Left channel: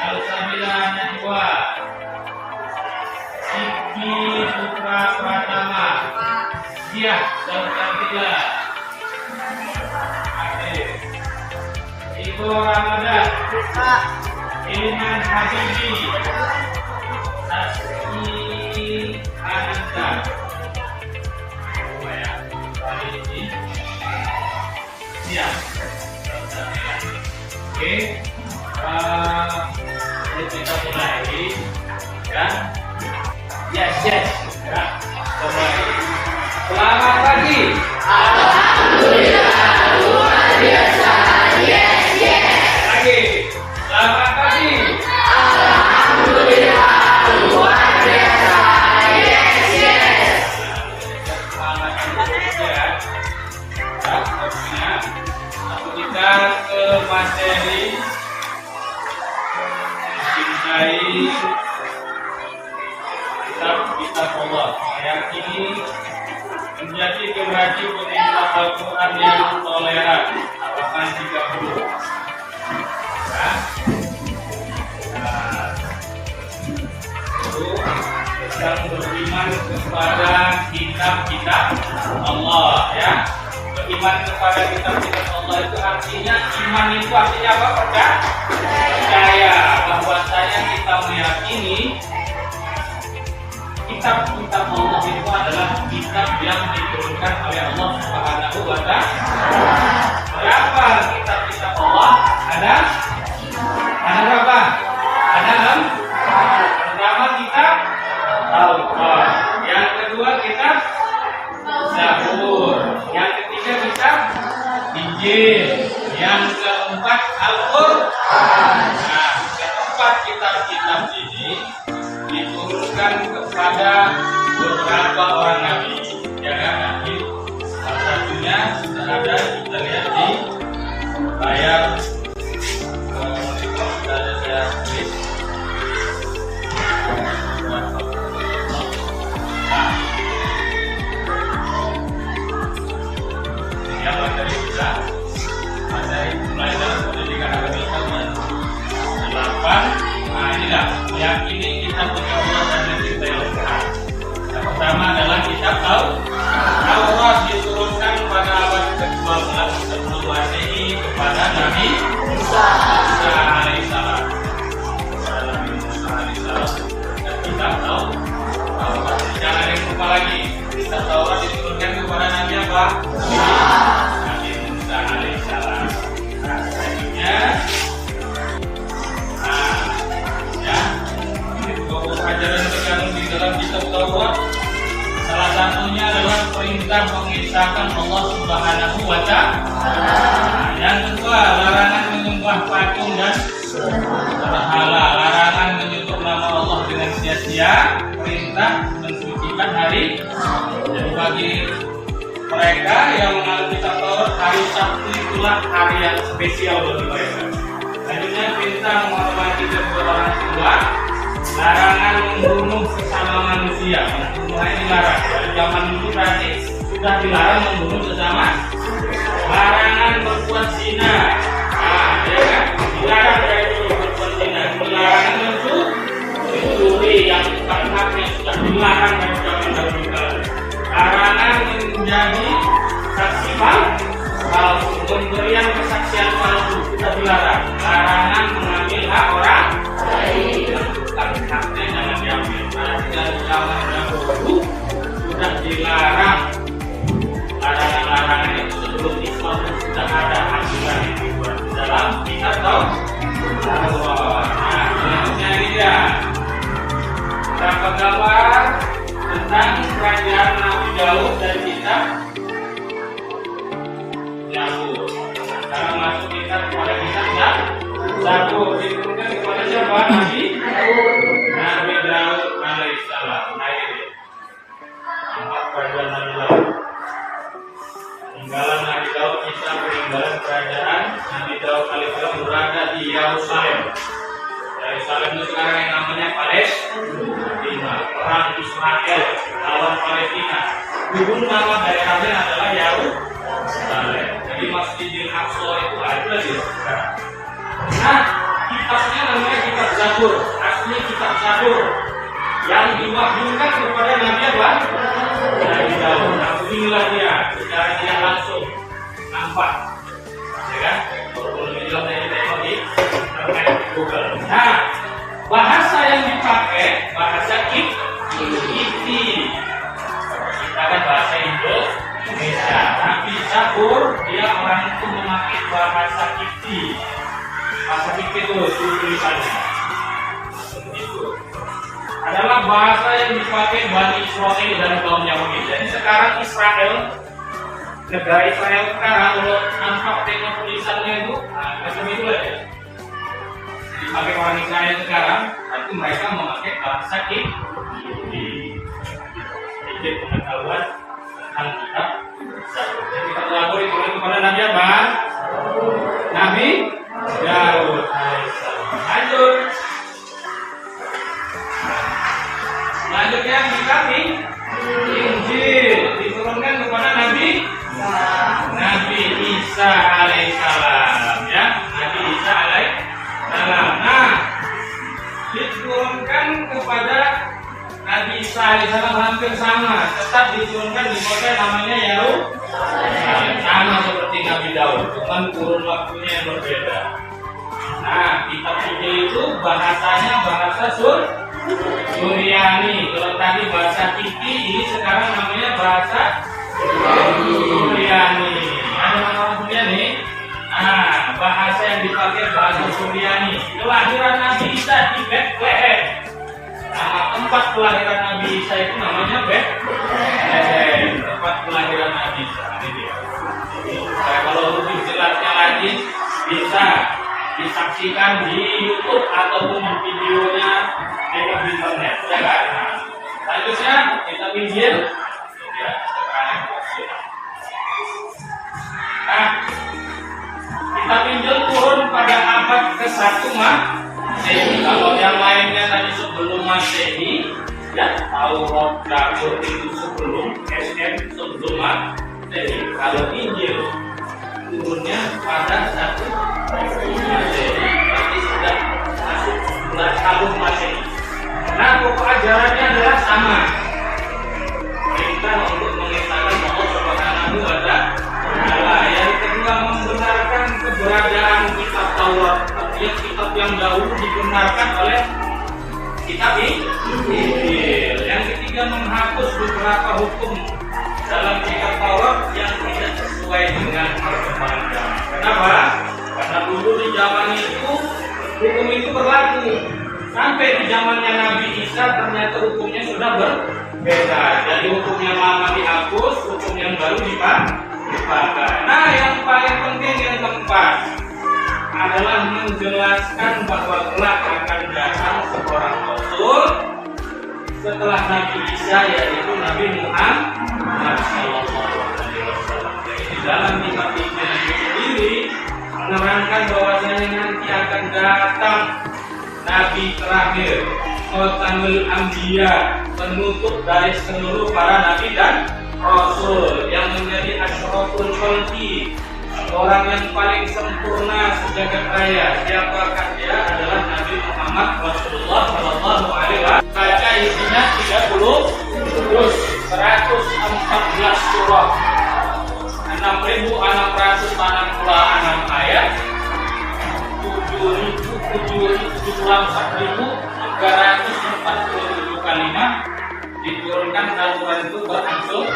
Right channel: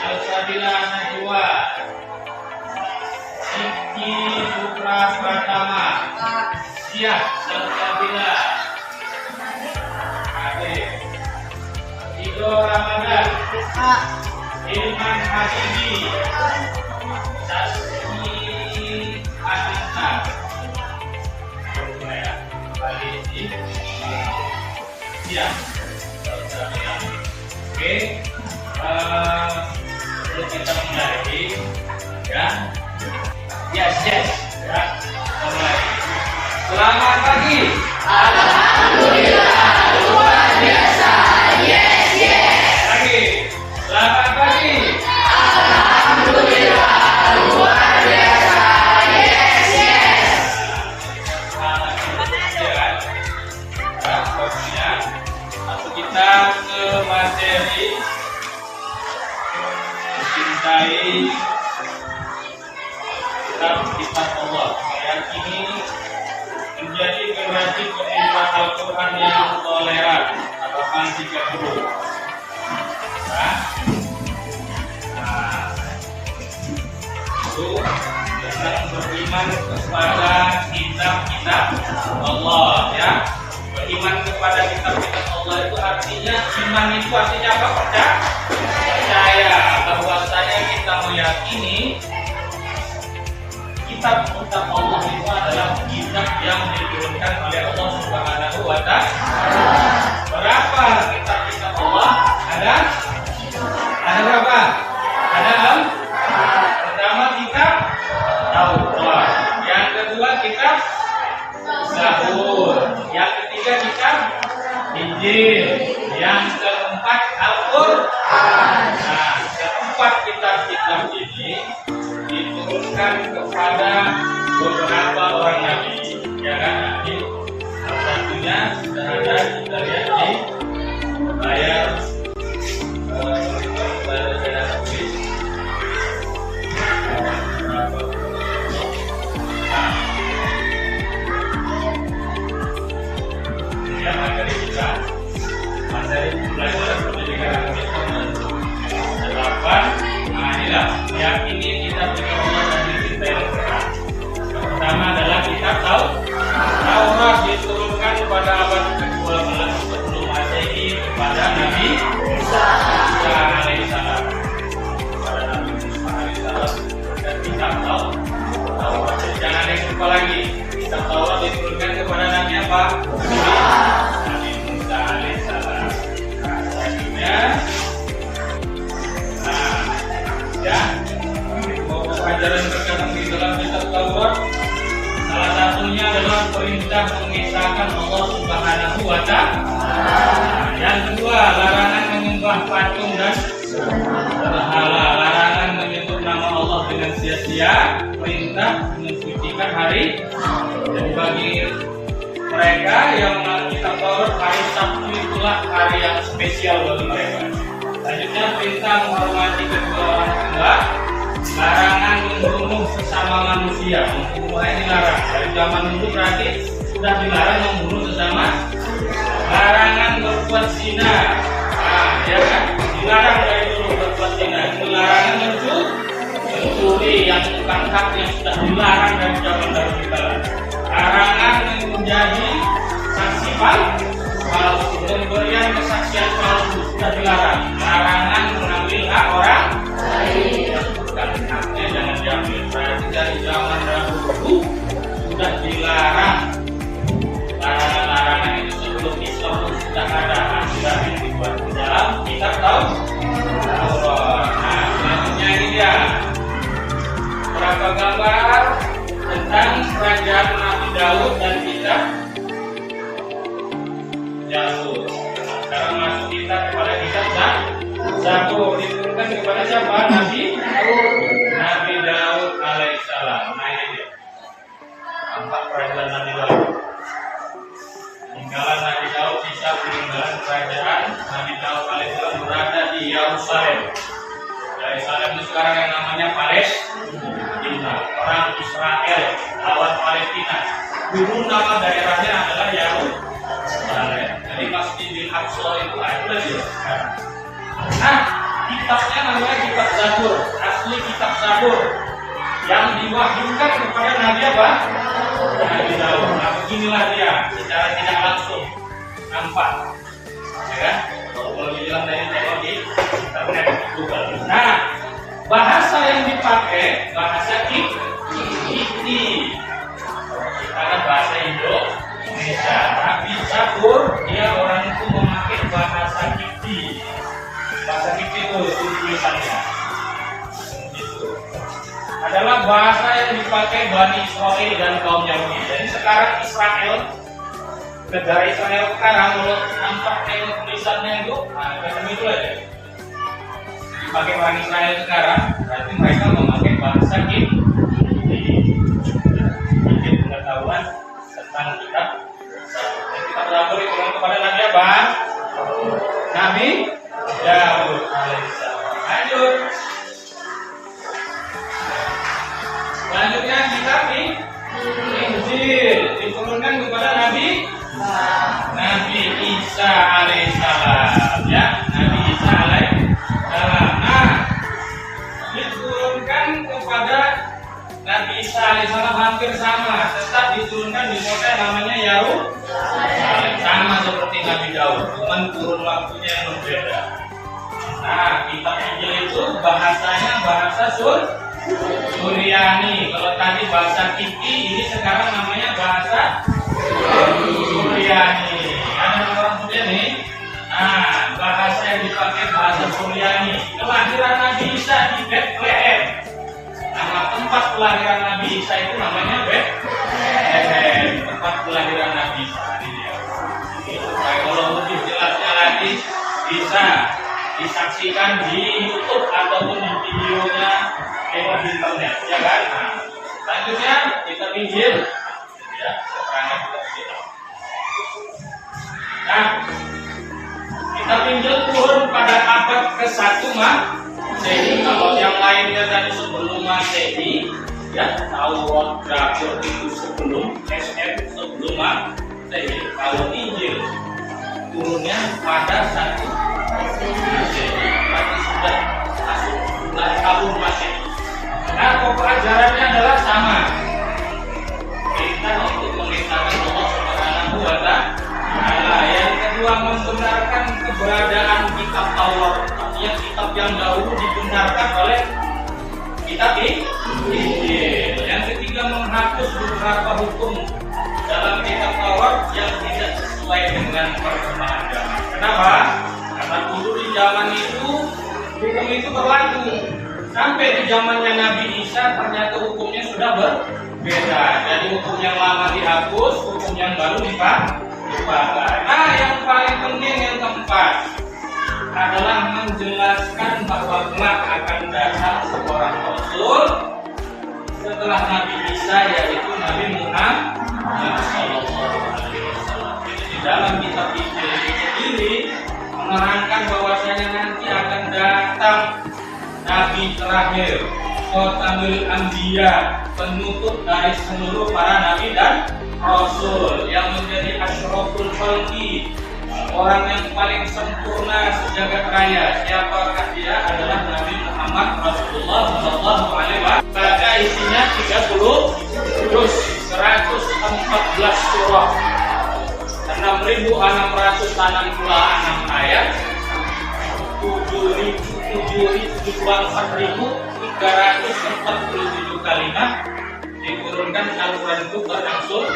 Salsabila Najwa, Siki Putra Pratama, Siap Salsabila, Ade, Igo Ramadan, Ilman Habibi, Saski Ananta, Siap Salsabila. Oke. Kita mulai ya. Yes ya, kita mulai. Selamat pagi. Alhamdulillah luar biasa. Yes. Lagi. Selamat pagi. Alhamdulillah luar biasa. Yes. Selamat pagi ya. Langsung kita ke materi mencintai kitab Allah. Yang ini menjadi generasi pemerintah Al-Quran yang toleran. Halaman 30. Nah, itu sedang berlima beriman kepada kitab-kitab Allah, ya. Beriman kepada kitab-kitab Allah itu artinya, iman itu artinya apa? Percaya bahwasanya kita meyakini kitab-kitab Allah itu adalah kitab yang diturunkan oleh Allah Subhanahu wa Ta'ala. Berapa kitab-kitab Allah? Ada berapa? Ada 6. Pertama kitab Taurat, yang kedua kitab Zabur, yang ketiga kitab Injil, yang keempat Al-Qur'an. Nah, keempat kitab-kitab ini diturunkan kepada beberapa orang nabi, ya kan? Nanti salah satunya sudah ada, kita lihat di layar. Sudah ada saya tulis. Nah, materi kita, materi pelajaran pendidikan agama Islam dan 8. Nah, inilah meyakini kitab-kitab Allah dan mencintai Al-Quran. Yang pertama adalah kitab Taurat, diturunkan pada abad ke-12 sebelum Masehi kepada Nabi Musa alaihissalam. Dan kitab Taurat. Jangan ada yang lupa lagi. Kitab Taurat diturunkan kepada Nabi apa? Nabi Musa alaihissalam. Nah, selanjutnya, ajaran terkandung di dalam kitab Taurat, salah satunya adalah perintah mengisahkan Allah Subhanahu wa Ta'ala. Yang kedua, larangan menyembah patung dan berhala, larangan menyebut nama Allah dengan sia-sia, perintah mensucikan hari. Jadi bagi mereka yang mengenal kitab Taurat, hari Sabtu itulah hari yang spesial bagi mereka. Selanjutnya, perintah menghormati kedua orang tua, larangan membunuh sesama manusia. Membunuh ini larang. Dari zaman dulu berarti sudah dilarang membunuh sesama. Larangan berbuat zina. Nah, ya kan? Dilarang dari dulu berbuat zina. Larangan mencuri yang bukan hak, yang sudah dilarang dari zaman dahulu kala. Larangan menjadi saksi palsu, pemberian kesaksian palsu sudah dilarang. Larangan mengambil hak orang lain. Haknya jangan diambil. Berarti dari zaman dahulu sudah dilarang. Larangan-larangan itu sebelum Islam sudah ada aturan yang dibuat di dalam kitab Taurat. Nah, selanjutnya ini dia beberapa gambar tentang kerajaan Nabi Daud dan kitab Zabur. Nah, sekarang masuk kita kepada kitab Zabur, diturunkan kepada siapa? Nabi Daud alaihissalam. Nah, ini dia. Nampak kerajaan Nabi Daud. Peninggalan Nabi Daud, kisah peninggalan kerajaan Nabi Daud alaihissalam berada di Yerusalem. Yerusalem itu sekarang yang namanya Palestina. Orang Israel lawan Palestina. Dulu nama daerahnya adalah Yerusalem. Jadi Masjidil Aqsa itu ada lagi. Nah, kitabnya namanya kitab Zabur. Asli kitab Zabur yang diwahyukan kepada Nabi apa? Nabi Daud. Nah, inilah dia secara tidak langsung nampak, ya kan? Kalau dibilang dari di internet Google. Nah, bahasa yang dipakai bahasa Kipti. Kita kan bahasa Indonesia, tapi Zabur dia orang itu memakai bahasa Kipti. Bahasa Kipti itu tulisannya. Itu adalah bahasa yang dipakai Bani Israel dan kaum Yahudi. Jadi sekarang Israel, negara Israel sekarang, kalau nampak tengok tulisannya itu, nah macam itu aja. Dipakai orang Israel sekarang, berarti mereka memakai bahasa Kipti. Sedikit pengetahuan tentang kitab Zabur. Jadi kitab Zabur itu kepada Nabi apa? Nabi Daud alaihissalam. Lanjut. Selanjutnya kitab Injil diturunkan kepada Nabi Isa alaihissalam, ya. Nabi Isa alaihissalam. Nah, diturunkan kepada hampir sama, tetap diturunkan di kota yang namanya Yerusalem, sama seperti Nabi Daud, cuman kurun waktunya yang berbeda. Nah, kitab Injil itu bahasanya bahasa Suryani. Kalau tadi bahasa Kiki, ini sekarang namanya bahasa Suryani. Ada orang Suryani? Nah, bahasa yang dipakai bahasa Suryani. Kelahiran Nabi Isa di Bethlehem. Nama tempat kelahiran Nabi Isa itu namanya Bethlehem. Tempat kelahiran Nabi Isa. Ini dia. Jadi, kalau lebih jelasnya lagi bisa disaksikan di YouTube ataupun di videonya lewat internet, ya kan? Nah, selanjutnya kita pinjil, ya, keterangan kita. Nah, kita pinjil turun pada abad ke-1 Masehi. Kalau yang lainnya tadi sebelum Masehi, ya, Taurat, Zabur itu sebelum SM sebelum Masehi. Kalau Injil turunnya pada 1 Masehi, berarti sudah masuk bulan tahun Masehi. Nah, pokok ajarannya adalah sama. Perintah untuk mengesahkan Allah Subhanahu wa Ta'ala. Yang kedua, membenarkan keberadaan kitab Taurat, yang kitab yang dahulu dibenarkan oleh kitab Injil. Yang ketiga, menghapus beberapa hukum dalam kitab Taurat yang tidak sesuai dengan perkembangan zaman. Kenapa? Karena dulu di zaman itu hukum itu berlaku. Sampai di zamannya Nabi Isa ternyata hukumnya sudah berbeda. Jadi hukum yang lama dihapus, hukum yang baru dipakai. Nah, yang paling penting yang keempat adalah menjelaskan bahwa kelak akan datang seorang Rasul setelah Nabi Isa, yaitu Nabi Muhammad SAW. Jadi di dalam kitab Injil itu sendiri menerangkan bahwasanya nanti akan datang Nabi terakhir, Khotamul Anbiya, penutup dari seluruh para nabi dan rasul, yang menjadi asyraful khalqi, orang yang paling sempurna sejagat raya. Siapakah dia? Adalah Nabi Muhammad Rasulullah Shallallahu Alaihi Wasallam. Baca isinya 30 juz, 114 surah, 6.666 ayat, 7.347 kalimat. Diturunkan Al-Quran itu berangsur,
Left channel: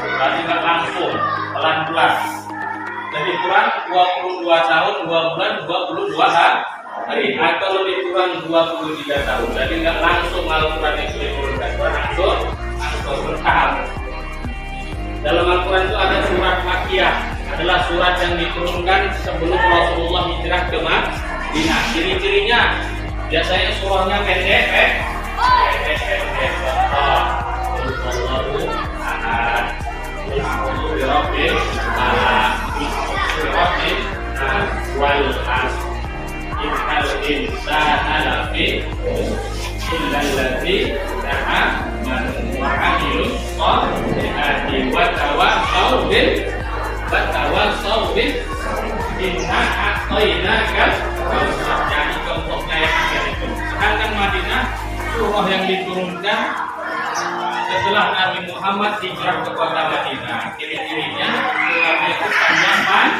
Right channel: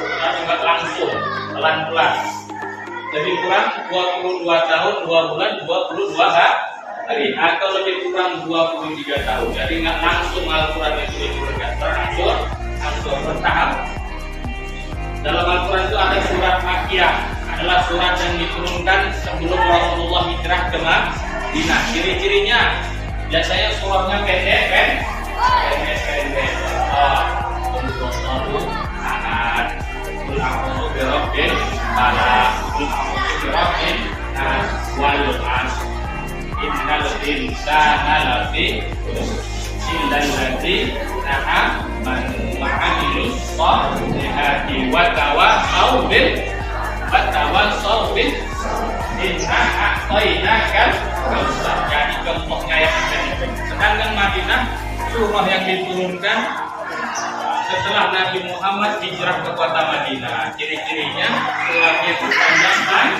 tapi nggak langsung, pelan-pelan. Lebih kurang 22 tahun, 2 bulan, 22 hari, atau lebih kurang 23 tahun. Jadi nggak langsung Al-Quran itu diturunkan, berangsur bertahap. Dalam Al-Quran itu ada surat Makkiyah, adalah surat yang diturunkan sebelum Rasulullah hijrah ke Madinah. Ciri-cirinya biasanya surahnya pendek. Jadi contohnya yang ada. Sedangkan Madinah, surah yang diturunkan setelah Nabi Muhammad hijrah ke kota Madinah. Ciri-cirinya surahnya itu panjang,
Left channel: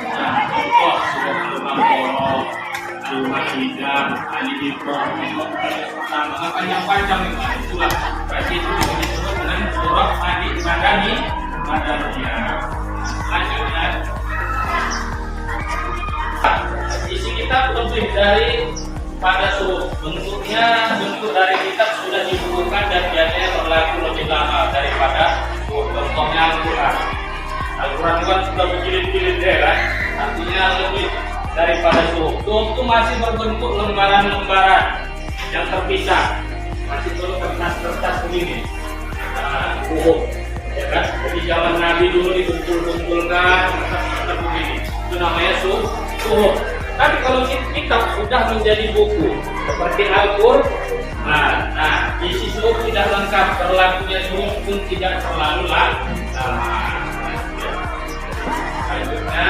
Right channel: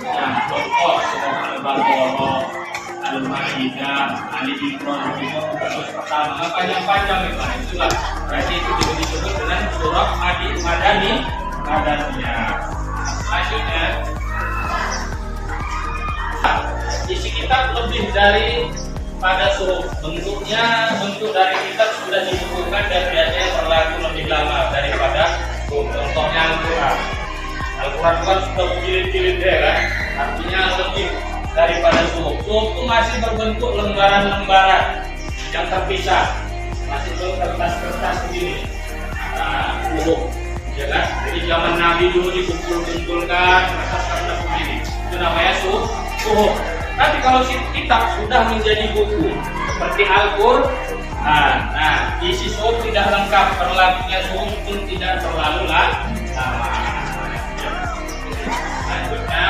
dan contoh surah Al-Baqarah, Al-Maidah, Ali Imran, terus pertama panjang itu. Itulah berarti itu disebut dengan surah Madaniyah. Selanjutnya, isi kitab lebih dari pada bentuk dari kitab sudah dibukukan dan biasanya berlaku lebih lama daripada contohnya Al-Quran. Al-Quran kan sudah berjilid-jilid ya kan, artinya lebih daripada suhuf. Suhuf itu masih berbentuk lembaran-lembaran yang terpisah, masih belum kertas-kertas begini. Nah, suhuf, ya kan? Jadi zaman Nabi dulu dikumpul-kumpulkan kertas-kertas begini, itu namanya suhuf. Tapi kalau kitab sudah menjadi buku seperti Al-Quran, nah isi suhuf tidak lengkap, berlakunya suhuf pun tidak terlalu Selanjutnya,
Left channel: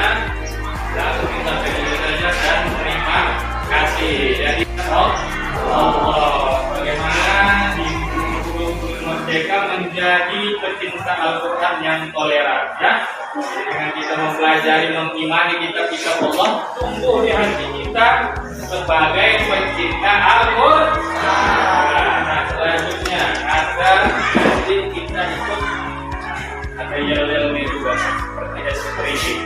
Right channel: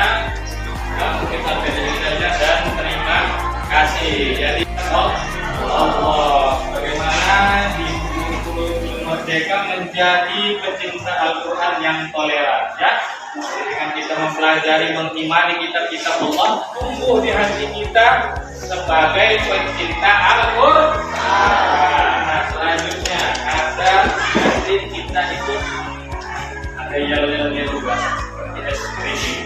kita pilih saja dan terima kasih. Jadi Allah, bagaimana di 20 merdeka menjadi pecinta Al-Quran yang toleran, ya. Jadi dengan kita mempelajari, mengimani kitab-kitab Allah, tumbuh di hati kita sebagai pecinta Al-Quran. Nah, selanjutnya agar hati kita itu ada yel-yelnya juga, seperti es krim.